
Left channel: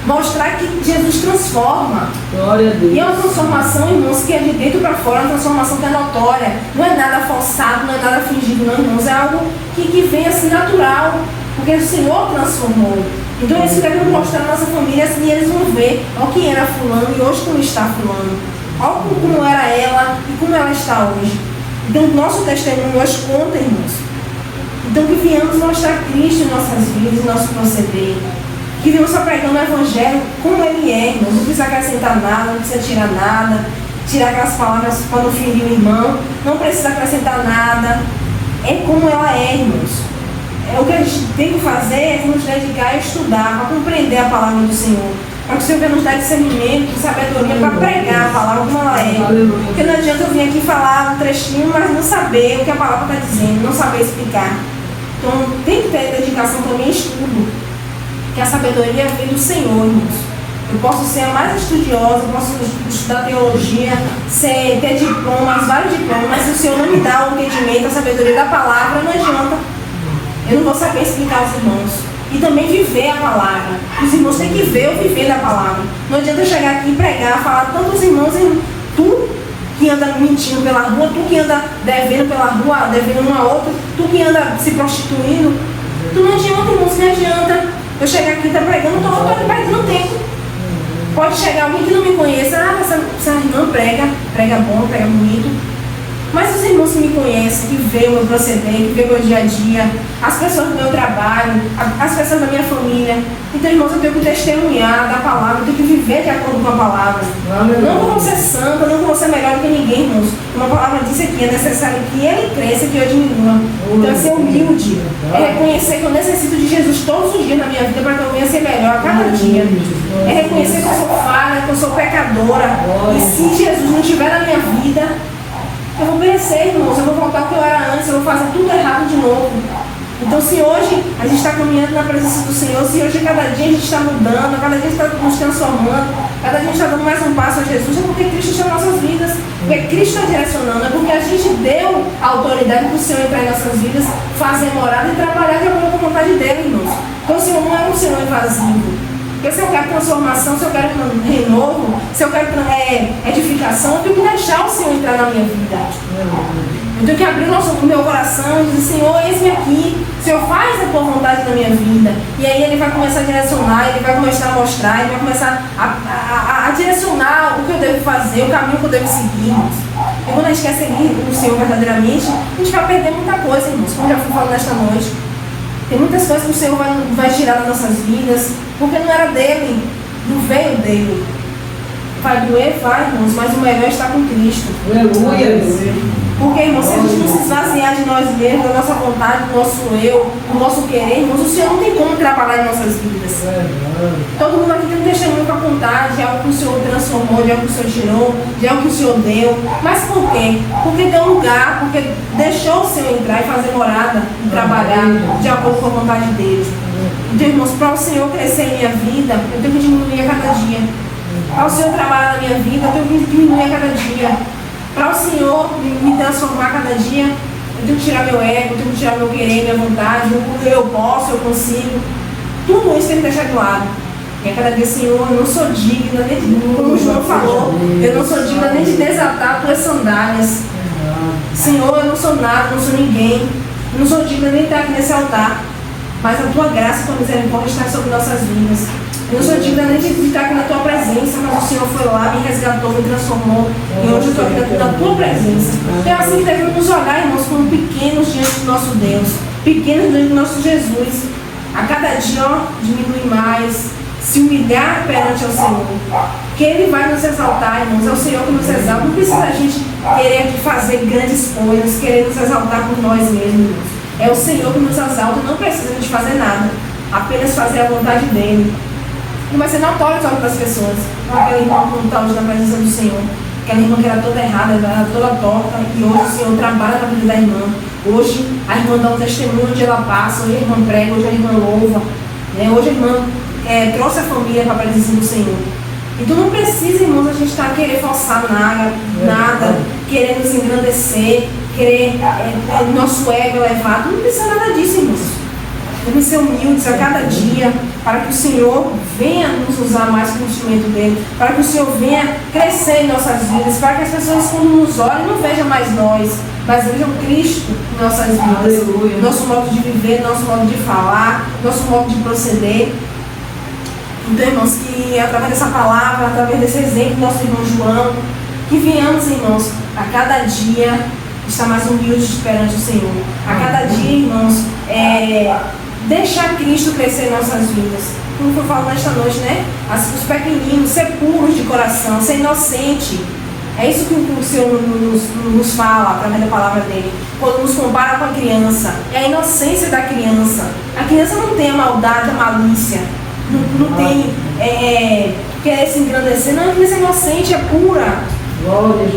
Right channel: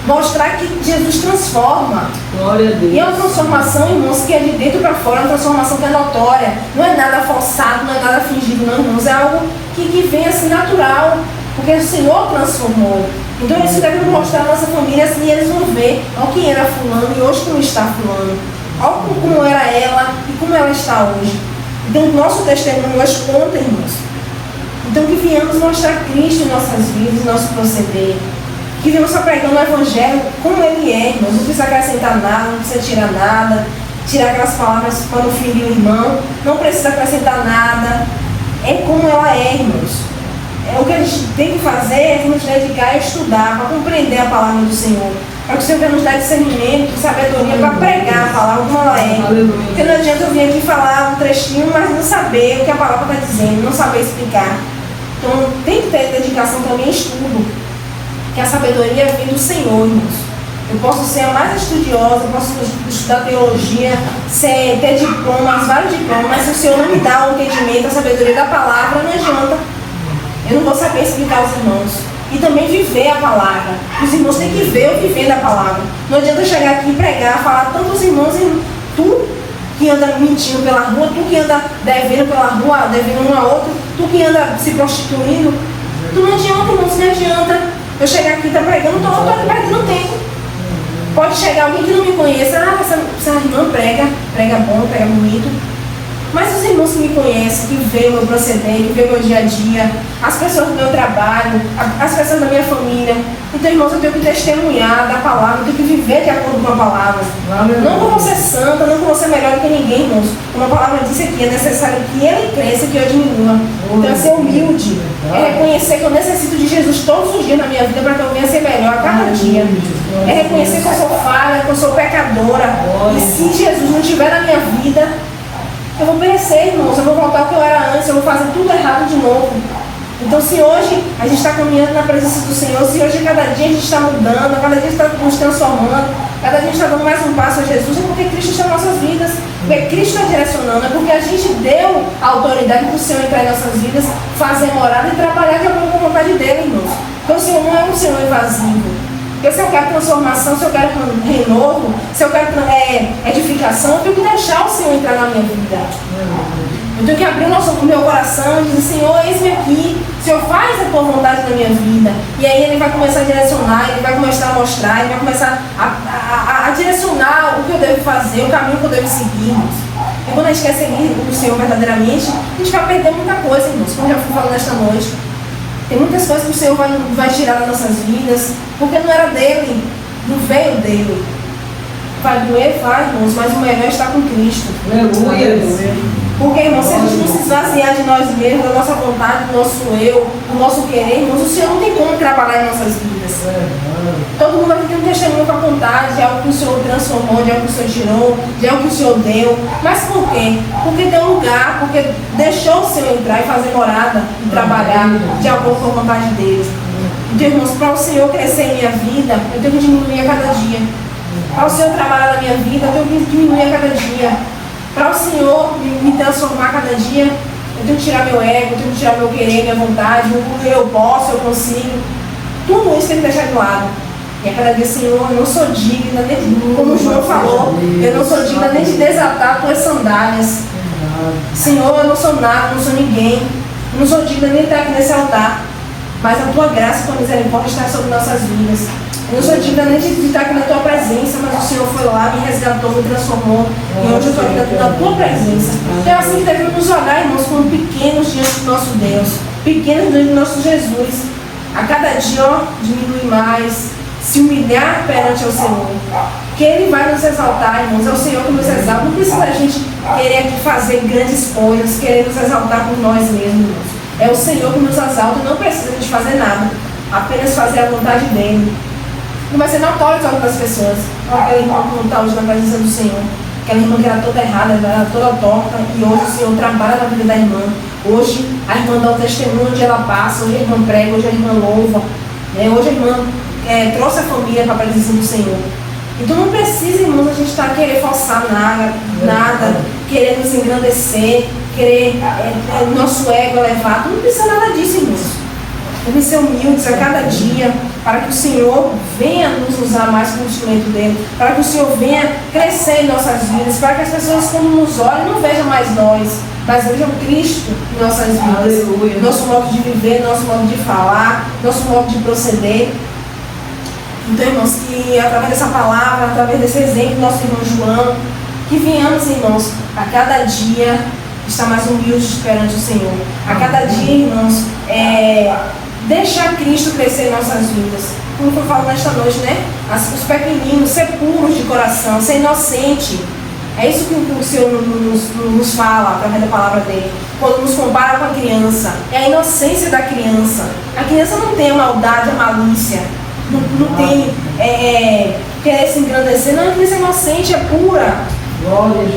Mostrar que Jesus transforma. Glória a Deus. E é uma transformação, irmãos, que é de dentro para fora, uma transformação que é notória. Não é nada forçado, não é nada fingido, não, irmãos. É algo que vem assim natural. Porque o Senhor transformou. Então isso deve mostrar na nossa família, assim, e eles vão ver olha quem era fulano e hoje como está fulano. Olha como era ela e como ela está hoje. Então o nosso testemunho nós conta, irmãos. Então que venhamos mostrar Cristo em nossas vidas, em nosso proceder. Que venhamos só pregando o Evangelho como ele é, irmãos. Não precisa acrescentar nada, não precisa tirar nada. Tirar aquelas palavras para não ferir o irmão. Não precisa acrescentar nada. É como ela é, irmãos. O que a gente tem que fazer é nos dedicar a estudar, para compreender a palavra do Senhor. Para que o Senhor venha nos dar discernimento, sabedoria para pregar a palavra como ela é. Porque não adianta eu vir aqui falar um trechinho, mas não saber o que a palavra está dizendo, não saber explicar. Então tem que ter dedicação também a estudo. Que a sabedoria vem do Senhor, irmãos. Eu posso ser a mais estudiosa, eu posso estudar teologia, ter diplomas, vários diplomas, mas se o Senhor não me dá o entendimento, a sabedoria da palavra, não adianta. Eu não vou saber explicar aos irmãos. E também viver a palavra. Os irmãos têm que ver o viver da palavra. Não adianta eu chegar aqui e pregar, falar tantos irmãos em tu que anda mentindo pela rua, tu que anda devendo pela rua, devendo um a outro, tu que anda se prostituindo. Tu não adianta, irmãos, não adianta. Eu chegar aqui e estar pregando, eu estou perdendo tempo. Pode chegar alguém que não me conheça, essa irmã prega bom, prega bonito. Mas os irmãos que me conhecem, que veem o meu proceder, que veem o meu dia a dia, as pessoas do meu trabalho, as pessoas da minha família. Então, irmãos, eu tenho que testemunhar da palavra, eu tenho que viver de acordo com a palavra. Não vou ser santa, não vou ser melhor que ninguém, irmãos. Como a palavra disse aqui, é necessário que ele cresça e que eu diminua. Então, é ser humilde, é reconhecer que eu necessito de Jesus todos os dias na minha vida para que eu venha ser melhor a cada dia. É reconhecer que eu sou falha, que eu sou pecadora. E se Jesus não estiver na minha vida, eu vou perecer, irmãos, eu vou voltar ao que eu era antes, eu vou fazer tudo errado de novo. Então, se hoje a gente está caminhando na presença do Senhor, se hoje cada dia a gente está mudando, cada dia está nos transformando, cada dia a gente está dando mais um passo a Jesus, é porque Cristo está em nossas vidas, porque Cristo está direcionando, é porque a gente deu a autoridade para o Senhor entrar em nossas vidas, fazer morada e trabalhar de acordo com a vontade dele, irmãos. Então, o Senhor não é um Senhor invasivo. Porque se eu quero transformação, se eu quero renovo, se eu quero edificação, eu tenho que deixar o Senhor entrar na minha vida. Eu tenho que abrir o meu coração e dizer, Senhor, eis-me aqui, Senhor, faz a tua vontade na minha vida. E aí ele vai começar a direcionar, ele vai começar a mostrar, ele vai começar a direcionar o que eu devo fazer, o caminho que eu devo seguir, irmãos. E quando a gente quer seguir o Senhor verdadeiramente, a gente vai perder muita coisa, irmãos, como eu já fui falando nesta noite. Tem muitas coisas que o Senhor vai tirar das nossas vidas, porque não era dele, não veio dele. Vai doer, vai, irmãos, mas o melhor está com Cristo. Aleluia. Porque, irmãos, se a gente não se esvaziar de nós mesmos, da nossa vontade, do nosso eu, do nosso querer, irmãos, o Senhor não tem como trabalhar em nossas vidas. Todo mundo aqui tem um testemunho para contar de algo que o Senhor transformou, de algo que o Senhor tirou, de algo que o Senhor deu. Mas por quê? Porque deu lugar, porque deixou o Senhor entrar e fazer morada e trabalhar de acordo com a vontade dele. Então, irmãos, para o Senhor crescer em minha vida, eu tenho que diminuir a cada dia. Para o Senhor trabalhar na minha vida, eu tenho que diminuir a cada dia. Para o Senhor me transformar a cada dia, eu tenho que tirar meu ego, eu tenho que tirar meu querer, minha vontade, porque eu posso, eu consigo. Tudo isso tem que deixar de lado. E a cada dia, Senhor, eu não sou digna, nem, como o João falou, eu não sou digna nem de desatar tuas sandálias. Senhor, eu não sou nada, não sou ninguém, eu não sou digna nem de estar aqui nesse altar. Mas a tua graça e a tua misericórdia está sobre nossas vidas. Eu não sou digna nem de estar aqui na tua presença, mas o Senhor foi lá, me resgatou, me transformou. E hoje eu estou aqui na tua presença. Então é assim que devemos nos olhar, irmãos, como pequenos diante do nosso Deus, pequenos diante do nosso Jesus. a cada dia, diminuir mais, se humilhar perante o Senhor, que Ele vai nos exaltar, irmãos. É o Senhor que nos exalta. Não precisa a gente querer fazer grandes coisas, querer nos exaltar por nós mesmos, irmãos. É o Senhor que nos exalta, não precisa de fazer nada, apenas fazer a vontade dEle. E vai ser notório para outras pessoas. Aquele irmão que não está hoje na presença do Senhor, aquela irmã que era toda errada, era toda torta, e hoje o Senhor trabalha na vida da irmã. Hoje a irmã dá um testemunho onde ela passa, hoje a irmã prega, hoje a irmã louva, né? Hoje a irmã trouxe a família para a presença do Senhor. Então não precisa, irmãos, a gente estar querer forçar nada, querer nos engrandecer, querer nosso ego elevado. Não precisa nada disso, irmãos. Devem ser humildes a cada dia, para que o Senhor venha nos usar mais como instrumento dele, para que o Senhor venha crescer em nossas vidas, para que as pessoas, quando nos olhem, não vejam mais nós, mas vejam Cristo em nossas vidas, nosso modo de viver, nosso modo de falar, nosso modo de proceder. Então, irmãos, que através dessa palavra, através desse exemplo do nosso irmão João, que venhamos, irmãos, a cada dia estar mais humildes perante o Senhor. A cada dia, irmãos, deixar Cristo crescer em nossas vidas. Como foi falado nesta noite, né? Os pequeninos, ser puros de coração, ser inocente. É isso que o Senhor nos fala através da palavra dele. Quando nos compara com a criança, é a inocência da criança. A criança não tem a maldade, a malícia. Não tem querer se engrandecer. Não, a criança é inocente, é pura.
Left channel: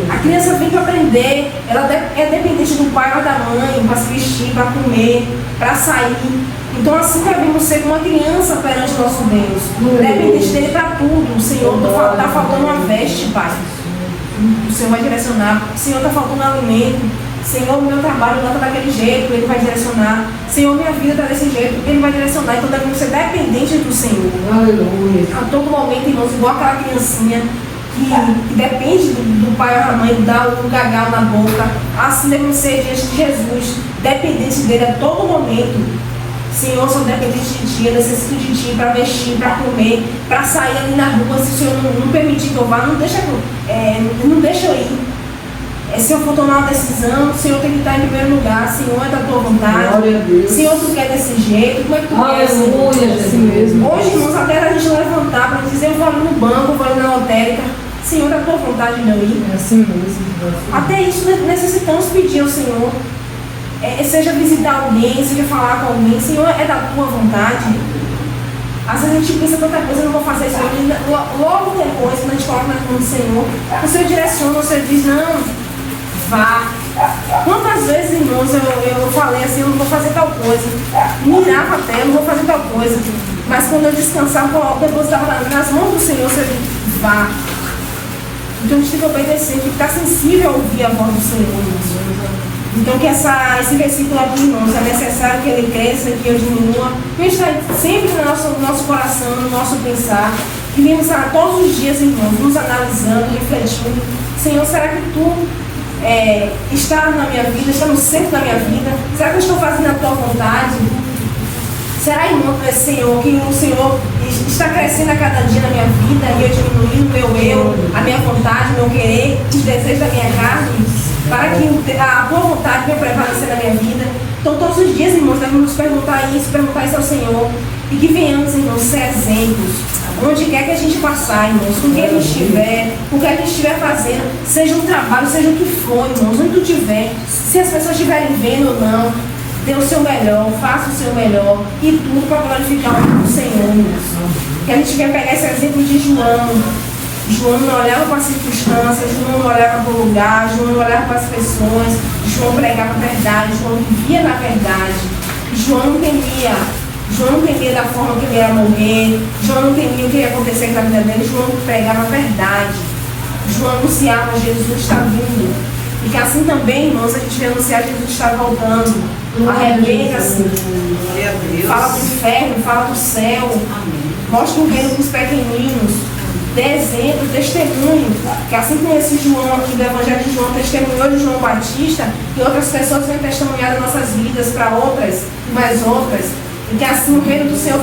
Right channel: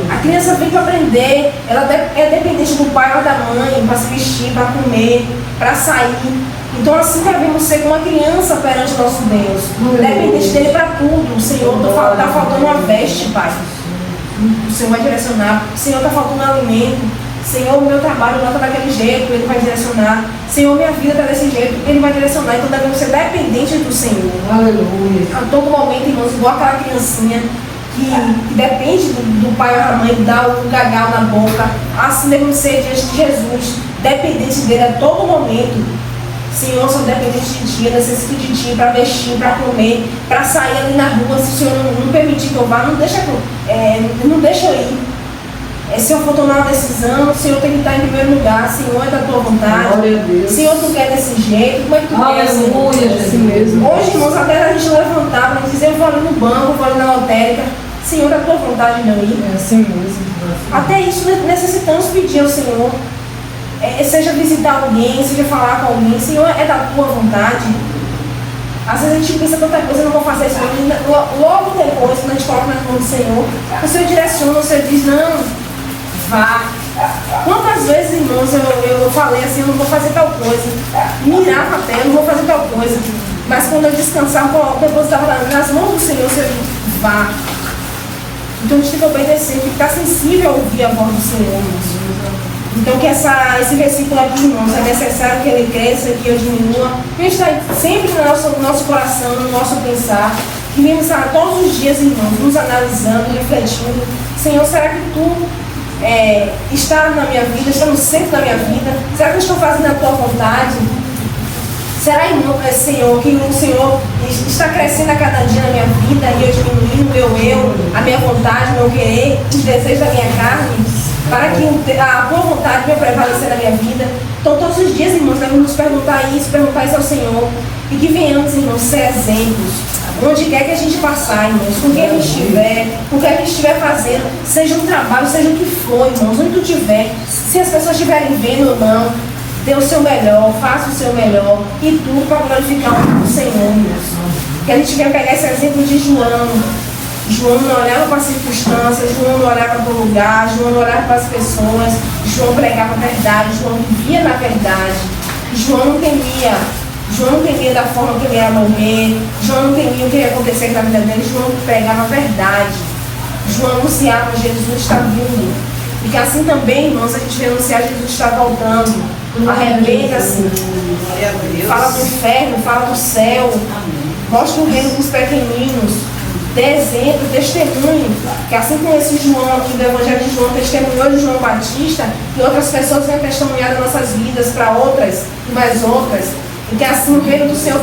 A criança vem para aprender, ela é dependente do pai ou da mãe para se vestir, para comer, para sair. Então assim devemos ser uma criança perante o nosso Deus, dependente dele para tudo. O Senhor está faltando uma veste, Pai. O Senhor vai direcionar. O Senhor está faltando alimento. Senhor, o meu trabalho não está daquele jeito, Ele vai direcionar. Senhor, minha vida está desse jeito, Ele vai direcionar. Então devemos ser dependentes do Senhor. Aleluia. A todo momento, irmãos, igual aquela criancinha que depende do pai ou da mãe, dá o gagal na boca. Assim devemos ser diante de Jesus, dependente dele a todo momento. Senhor, sou dependente de Ti, eu necessito de Ti para vestir, para comer, para sair ali na rua. Se o Senhor não permitir que eu vá, não deixa eu ir. Se eu for tomar uma decisão, o Senhor tem que estar em primeiro lugar. Senhor, é da Tua vontade. Senhor, Tu quer desse jeito? Como é que Tu quer assim mesmo? Hoje, irmãos, até a gente levantar para dizer, eu vou ali no banco, vou ali na lotérica. Senhor, da Tua vontade não ir. É assim mesmo. Até isso necessitamos pedir ao Senhor. Seja visitar alguém, seja falar com alguém. Senhor, é da Tua vontade. Às vezes a gente pensa tanta coisa, eu não vou fazer isso. Logo depois, quando a gente coloca na mão do Senhor, o Senhor direciona, o Senhor diz, não, vá. Quantas vezes, irmãos, eu falei assim, eu não vou fazer tal coisa. Mirava até, eu não vou fazer tal coisa. Mas quando eu descansava, eu depositava nas mãos do Senhor, o Senhor diz, vá. Então a gente tem que obedecer, tem que estar sensível a ouvir a voz do Senhor, irmãos. Então que esse versículo aqui, irmãos, é necessário que ele cresça, que ele diminua, que ele está sempre no nosso coração, no nosso pensar, que venhamos estar todos os dias, irmãos, nos analisando, refletindo. Senhor, será que Tu está na minha vida, está no centro da minha vida? Será que eu estou fazendo a Tua vontade? Será, irmão, Senhor, que o Senhor está crescendo a cada dia na minha vida e eu diminuindo a minha vontade, meu querer, os desejos da minha carne, para que a Tua vontade venha prevalecer na minha vida? Então, todos os dias, irmãos, devemos nos perguntar isso ao Senhor, e que venhamos, irmãos, ser exemplos, onde quer que a gente passar, irmãos, com quem a gente estiver, com o que a gente estiver fazendo, seja um trabalho, seja o que for, irmãos, onde tu estiver, se as pessoas estiverem vendo ou não, dê o seu melhor, faça o seu melhor, e tudo para glorificar o nome do Senhor, irmãos. Que a gente venha pegar esse exemplo de João. João não olhava para as circunstâncias, João não olhava para o lugar, João não olhava para as pessoas, João pregava a verdade, João vivia na verdade. João não temia da forma que ele ia morrer, João não temia o que ia acontecer na vida dele, João pregava a verdade. João anunciava Jesus está vindo. E que assim também, irmãos, a gente anunciar Jesus está voltando. Arrependa-se. Fala do inferno, fala do céu. Mostra o reino para os pequeninos. Dê exemplo, testemunho. Que assim como esse João aqui do Evangelho de João testemunhou de João Batista, que outras pessoas venham testemunhar das nossas vidas para outras e mais outras. E que assim o reino do Senhor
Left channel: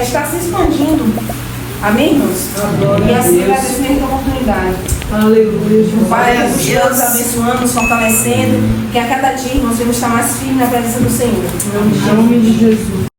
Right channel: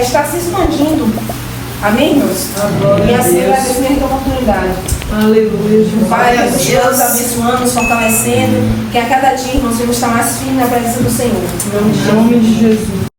está se expandindo. Amém, irmãos? E assim vai ter mesma oportunidade. Aleluia. O Pai nos abençoando, nos fortalecendo. Que a cada dia, irmãos, vamos estar mais firmes na presença do Senhor. Em nome de Jesus.